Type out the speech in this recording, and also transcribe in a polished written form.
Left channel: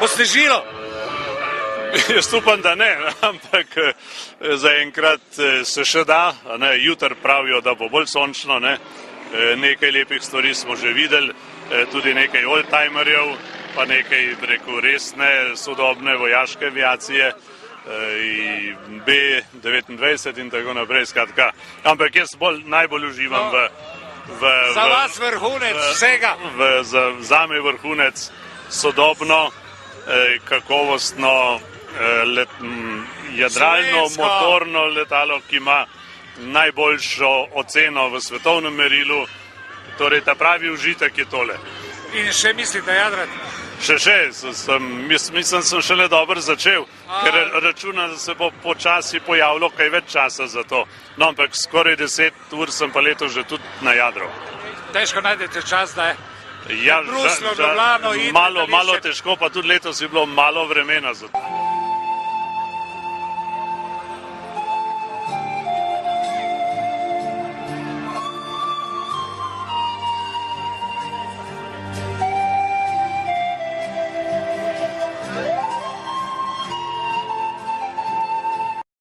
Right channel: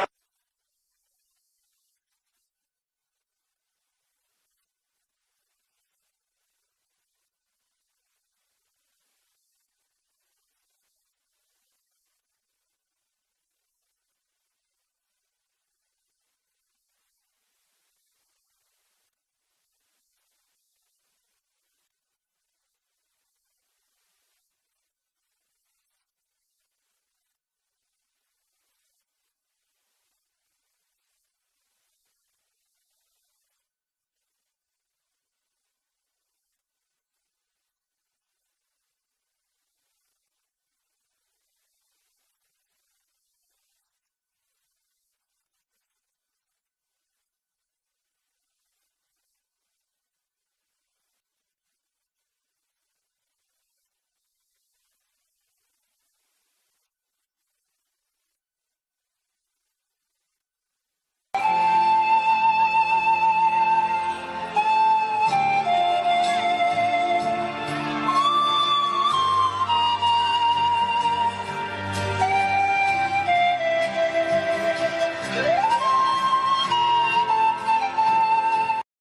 Bo snežilo? Jaz upam, da ne, ampak zaenkrat se še da. Jutri pravijo, da bo bolj sončno. Nekaj lepih stvari smo že videli, tudi nekaj oldtimerjev, pa nekaj, rekel, resne, sodobne vojaške aviacije, B-29 in tako naprej, skratka. Ampak jaz najbolj uživam za vas vrhunec vsega. Zame vrhunec sodobno, kakovostno, jadralno, motorno letalo, ki ima najboljšo oceno v svetovnem merilu. Torej, ta pravi užitek je tole. In še mislite jadrati? Mislim, sem šele dobro začel, ker računam, da se bo počasi pojavilo kaj več časa za to. No, ampak skoraj 10 ur sem pa letos že tudi na jadru. Težko najdete čas, da je? Ja, malo težko, pa tudi letos je bilo malo vremena za to.